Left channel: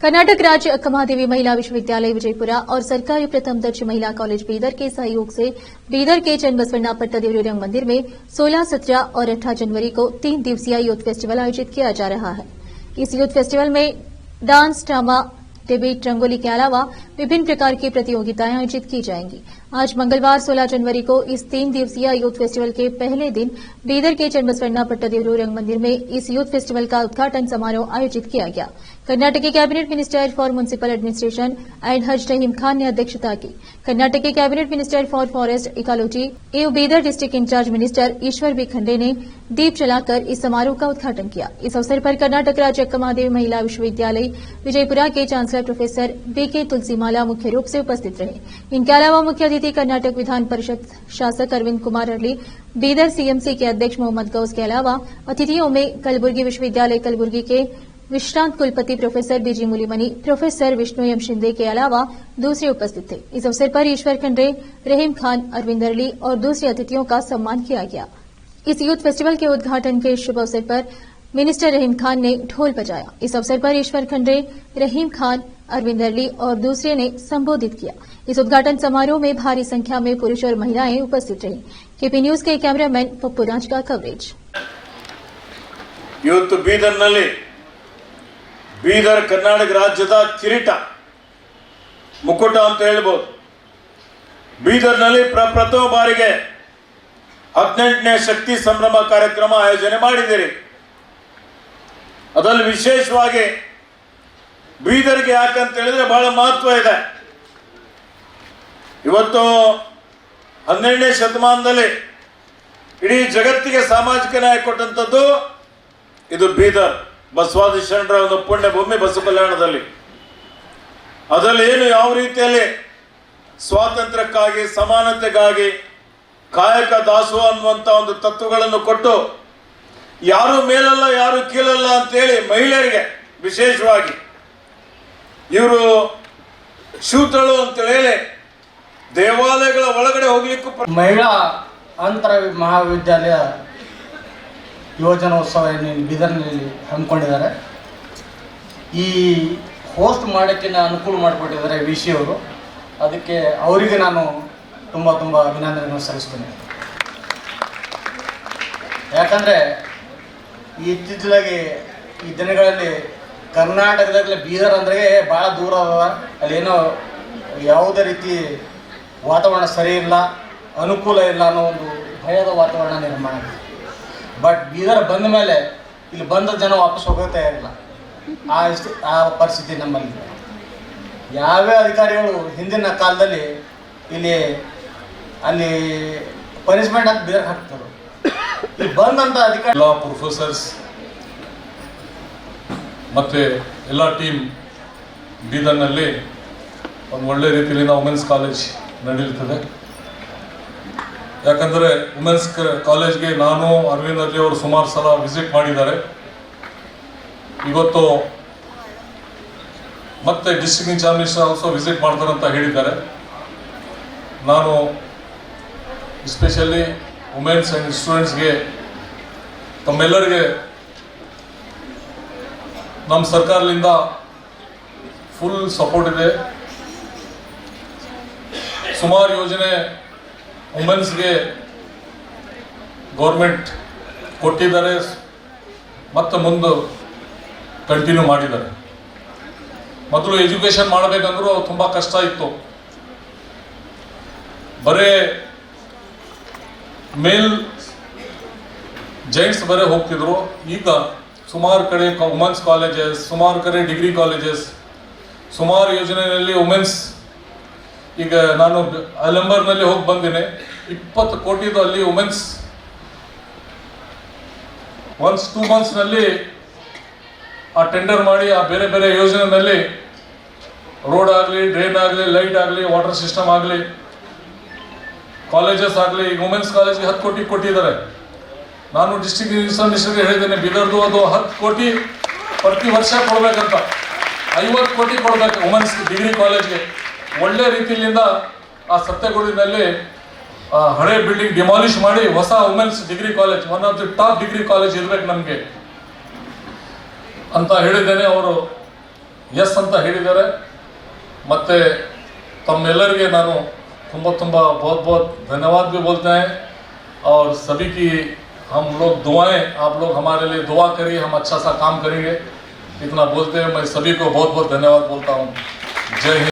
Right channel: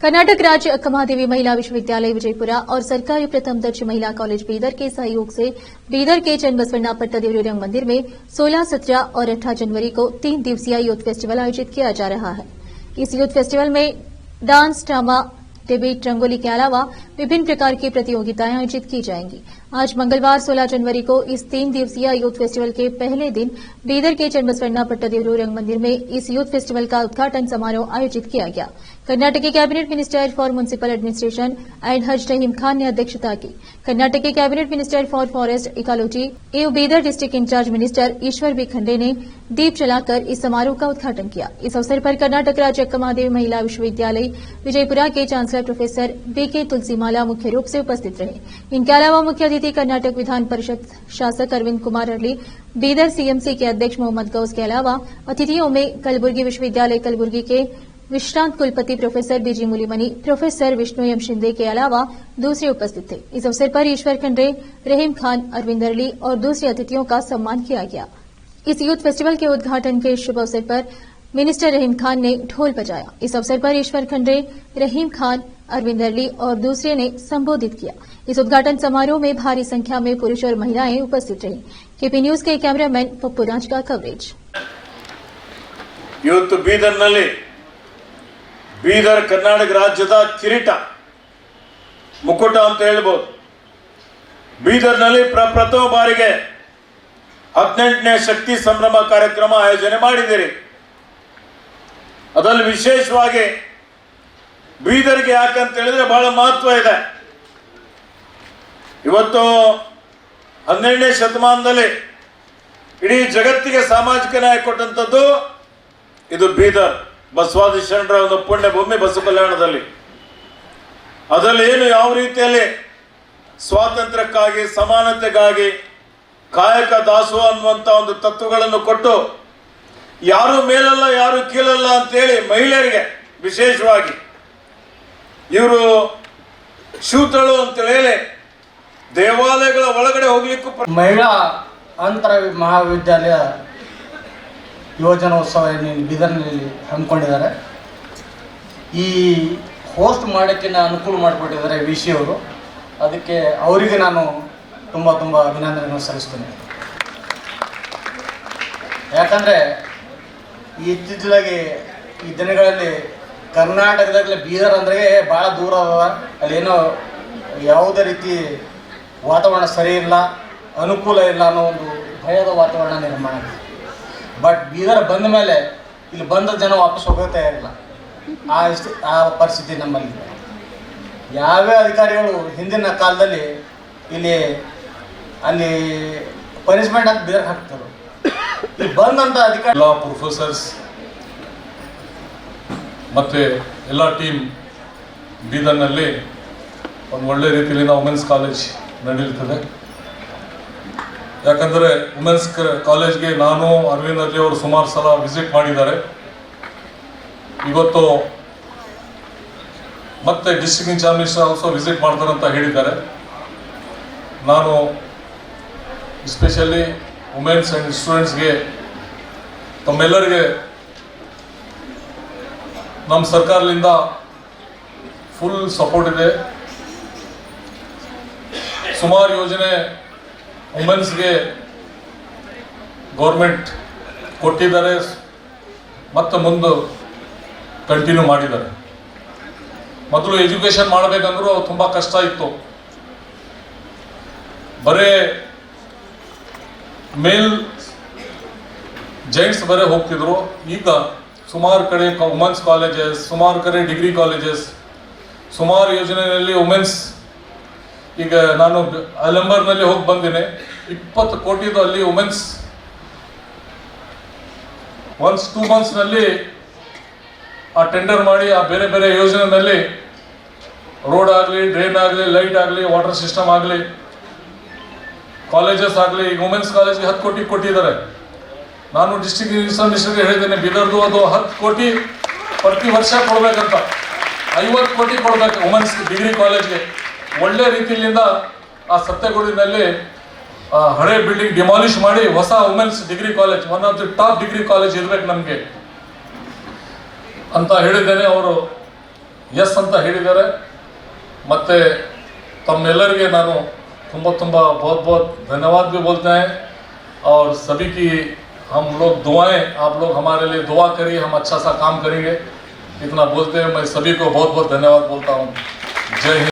कर्नाटक राज्य अक्कमहादेवी महिला विश्वविद्यालय विजयपुरा और सरकारी प्रथम दर्जे महिला कॉलेज बीदर के सहयोग से बीदर के चन्नबसवण्ण पट्टदेवरू रंग मंदिर में 16, 17 और 18 जनवरी को 3 दिवसीय यूथ फेस्टिवल आयोजित किया जा रहा है। इस यूथ फेस्टिवल में डांस, ड्रामा, डिबेट, रंगोली के अलावा विभिन्न प्रकार की प्रतियोगिताएं आयोजित की जाएंगी। आज मंगलवार 16 जनवरी को इस 3 दिवसीय यूथ फेस्टिवल के पहले दिन बीदर के चन्नबसवण्ण पट्टदेवरू रंग मंदिर में इस यूथ फेस्टिवल का उद्घाटन समारोह आयोजित किया गया। कर्नाटक के cabinet minister for municipal administration and हज रहीम खान ने अध्यक्षता की। कर्नाटक के cabinet minister for forest ecology एवं बीदर डिस्ट्रिक्ट इंचार्ज मिनिस्टर ईश्वर बी खंडे ने दीप जलाकर इस समारोह का उद्घाटन किया। इस अवसर पर कर्नाटक राज्य अक्कमहादेवी महिला विश्वविद्यालय विजयपुरा के चांसलर प्रोफेसर बीके तुलसीमाला मुख्य रूप से उपस्थित रहे। इनके अलावा मुख्य अतिथि कर्नाटक विधान परिषद शासक अरविंद कुमार अरली, बीदर सीएमसी के अध्यक्ष मोहम्मद गौस के अलावा अतिथियों में कलबुर्गी विश्वविद्यालय कलबुर्गी के विश्रांत कुलपति प्रोफेसर बीजी मुलीमनी, प्रोफेसर विष्णु एम शिंदे के अलावा दूसरे उपस्थित थे। इस अवसर पर ईश्वर खंडे, रहीम खान, अरविंद अरली और दूसरे अतिथियों का सम्मान किया गया। इस यूथ फेस्टिवल के उद्घाटन के शुभ अवसर पर मिनिस्टर रहीम खान ने ढोल बजाया। इस अवसर पर ईश्वर खंडे, रहीम खान, अरविंद अरली और दूसरे ने संबोधित किया। इस उद्घाटन समारोह में भारी संख्या में पुरुष और महिलाएं उपस्थित रही। केपी न्यूज के कैमरामैन पप्पू राज का कवरेज। यूथ ಬೀದರ್ ಕರ್ನಾಟಕ ರಾಜ್ಯದ ಕಿರೀಟ ಮುಕುಟ ಅಂತ ಹೇಳಬಹುದು। ಬೀದರ್ನಲ್ಲಿ ಪ್ರಥಮ ಬಾರಿಗೆ 18ನೇ ಶಕ್ತಿ ಸಂಭ್ರಮ ಕಾರ್ಯಕ್ರಮ ಆಯೋಜನೆ ಮಾಡಿದ್ದೀರಿ। ಅದರಲ್ಲಿ ವಿಶೇಷವಾಗಿ ಬೀದರ್ಗೆ ಯಾಕಂತ ಹೇಳಿದ್ರೆ ಬಹಳ ಮಹತ್ವ ಇದೆ। ಇವತ್ತು 12ನೇ ಶತಮಾನದಲ್ಲಿ ಇಡೀ ಜಗತ್ತಿಗೆ ಸಾಮಾಜಿಕ ನ್ಯಾಯ ಕೊಟ್ಟಂತದ್ದು ಇದು ಬೀದರ್ ಬಸವಾದಿ ಶರಣರ ಒಂದು ಪುಣ್ಯ ಭೂಮಿ ಬಸವ ಕಲ್ಯಾಣದಲ್ಲಿ। ಅದರಲ್ಲಿ ಏನು ಯಾವ ರೀತಿಯಲ್ಲಿ ಸ್ವಾತಂತ್ರ್ಯಕ್ಕಾಗಿ, ಸಮಾನತೆಗಾಗಿ, ಕಾಯಕ ದಾಸೋಹ ಅನ್ನುವಂಥ ಒಂದು ತತ್ವಗಳನ್ನು ಕೊಟ್ಟು ಯಾರು ಮೇಲಲ್ಲ ಯಾರು ಕೀಳಲ್ಲ ಅಂತೇಳಿ ಮಹಿಳೆಯರಿಗೆ ವಿಶೇಷವಾಗಿ ಇವರು ಶೂತಳು ಅಂತೇಳಿ ದೇವಾಲಯಗಳ ಒಳಗಡೆ ಹೋಗ್ಲಿಕ್ಕೂ ಮಹಿಳಾ ಅಂತರ ಮಹಾವಿದ್ಯಾಲಯ ಯುವಜನೋತ್ಸವ ಬೀದರ್ನಲ್ಲಿ ಹಮ್ಮಿಕೊಂಡಿದ್ದಾರೆ। ಈ ಹೋಸ್ಟ್ ಮಾಡೋಕ್ಕೆ ಅನುಕೂಲ ಮಾಡಿಕೊಟ್ಟಿದ್ದಾರೆ ವಿಶಿ ಅವರು, ಅದಕ್ಕೆ ಅವರಿಗೆ ನಾನು ತುಂಬ ಅಭಿನಂದನೆಯನ್ನು ಸಲ್ಲಿಸ್ತೇನೆ। ಯಾಕಂದರೆ ಇತ್ತೀಚೆಗೆ ಈ ದಿನಗಳಲ್ಲಿ ಕರ್ನಾಟಕದಾಗಲೇ ಬೀದರ್ ಅಂದರೆ ಭಾಳ ದೂರ ಅದ, ಅಲ್ಲೇನೋ ಯಾವುದೇ ರೀತಿ ವಾತಾವರಣ ಸರಿ ಇಲ್ಲ, ಅನುಕೂಲ ಇಲ್ಲ ಅನ್ನೋ ಒಂದು ಭಯದ ವಾತಾವರಣ ನಿರ್ಮಾಣ ಆಗಿದೆ। ಬಟ್ ಬೀದರ್ ಬಂದ ಮೇಲೆ ಇಲ್ಲಿ ಬಂದ ಜನ ವಾಪಸ್ ಹೋಗೋಕೆ ತಯಾರಿಲ್ಲ, ಆ ಪರಿಸ್ಥಿತಿ ನಮ್ಮಲ್ಲಿ। ಯಾವ್ಯಾವ ಅಧಿಕಾರಿಗಳು ಹಿಂದಿನ ಕಾಲದಲ್ಲಿ ಅಲ್ಲಿ ಪನಿಷ್ಮೆಂಟ್ ಅಂತ ಬೀದರ್ ಹಾಕ್ತಾರೆ, ಇಲ್ಲಿ ಬಂದಂಥ ಅಧಿಕಾರಿ ಎಲ್ಲ ಪ್ರೊಫೆಸರ್ಸ್ ಮತ್ತು ಎಲ್ಲ ಟೀಮ್ ಬೀದರ್ನಲ್ಲಿ ಒಂದು ಒಳ್ಳೆ ರೀತಿಯಲ್ಲಿ ವುಮೆನ್ಸ್ ಕಾಲೇಜ್ ನಡೆಯುತ್ತದೆ। ಯಾಕಂದರೆ ವುಮೆನ್ಸ್ ಕಾಲೇಜ್ಗೆ ನಾನು ಅರವಿಂದ್ ಅರ್ಲಿ ಅವರು ಸುಮಾರು ಸಲ ವಿಸಿಟ್ ಮಾಡಿದ್ದಾರೆ। ಇವತ್ತು ಮತ್ತೆ district incharge minister also visit ಮಾಡ್ತಾರೆ ಅಂತ ಹೇಳಿದ್ದಾರೆ। ನಾನು ಎಸ್ಪೆಷಲಿ ವುಮೆನ್ಸ್ ಆ್ಯಂಡ್ ಸ್ಟೂಡೆಂಟ್ಸ್ಗೆ ತಮ್ಮೆಲ್ಲರಿಗೆ ನಮ್ಮ ಸರ್ಕಾರದಿಂದ ಫುಲ್ ಸಪೋರ್ಟ್ ಇದೆ। ಸುಮಾರು ಯೋಜನೆ ವುಮೆನ್ಸ್ಗೆ ಗೌರ್ಮೆಂಟ್ ಕೊಟ್ಟಿದ್ದಾರೆ ಮತ್ತು ಮುಂದೆ ಕಂಟಿನ್ಯೂ ಮಾಡಿದ್ದಾರೆ। ಮೊದಲು ಎಜುಕೇಷನ್ ಮಾಡಬೇಕಂದ್ರೂ ತುಂಬ ಕಷ್ಟ ಇತ್ತು, ಬರೇ ಮೇಲ್ ಜೆಂಟ್ಸ್ ಬರೇ ಹೋಗ್ತಿದ್ರು। ಈಗ ಸುಮಾರು ಕಡೆ ವುಮೆನ್ಸ್ ಕಾಲೇಜಸ್, ಸುಮಾರು ಕಡೆ ಡಿಗ್ರಿ ಕಾಲೇಜಸ್, ಸುಮಾರು ಯೋಜನೆಯಲ್ಲಿ ವುಮೆನ್ಸ್, ಈಗ ನಾನು ಅಲಂಬರ್ನಲ್ಲಿ ಹೋಗಿ ಬಂದಿನಿ, 20 ಕೋಟಿದು ಅಲ್ಲಿ ವುಮೆನ್ಸ್ 2 ಮಂತ್ಸ್ನಲ್ಲಿ ಆ ಟೆಂಡರ್ ಮಾಡಿ ಆ ಬೇರೆ ಬೇರೆ ಯೋಜನೆಯಲ್ಲಿ ರೋಡ್ ಆಗಲಿ, ಡ್ರೈನ್ ಆಗಲಿ, ಲೈಟ್ ಆಗಲಿ, ವಾಟರ್ ಸಿಸ್ಟಮ್ ಆಗಲಿ, ಕಾಲೇಜಸ್ ಆಗಲಿ, ಈಗ ವುಮೆನ್ಸ್ ಕಾಲೇಜ್ಗೆ 10 ಕೋಟಿ ಕೊಟ್ಟಿದ್ದಾರೆ। ನಾನು ಡಿಸ್ಟ್ರಿಕ್ಟ್ ಮಿನಿಸ್ಟರ್ಗೆ ಹೇಳಿದ್ದೇನೆ, ಬೀದರ್ದು ಅದು 10 ಕೋಟಿ ಪ್ರತಿ ವರ್ಷ ಕೊಡಬೇಕಂತ, 50 ಕೋಟಿ ಕೊಡಬೇಕು ವುಮೆನ್ಸ್ ಡಿಗ್ರಿ ಕಾಲೇಜ್ಗೆ। ಒಳ್ಳೆ ರೀತಿಯಿಂದ ಆ ಸತ್ಯಗುಡಿನಲ್ಲಿ ಹಳೆ ಬಿಲ್ಡಿಂಗ್ ಡಿಮಾಲಿಷ್ ಮಾಡಿ ಹೊಸ women's degree college, one of the top degree college ಇರಬೇಕು ನಮಗೆ ಅಂತ ಹೇಳಿದ್ದೇನೆ। ಅವರು ಎಸ್ ಅಂತ ಹೇಳಿದ್ದಾರೆ. ಮತ್ತು तमेलर नानु तुम्बा बहुत बहुत धन्यवाद भी बोलते हैं और सभी की हम लोग दुआएं, आप लोग हमारे लिए दुआ करिए, हम अच्छा सा काम करेंगे. इतना बोलते हैं मैं सभी को बहुत बहुत धन्यवाद बोलता हूँ. जय हिंद.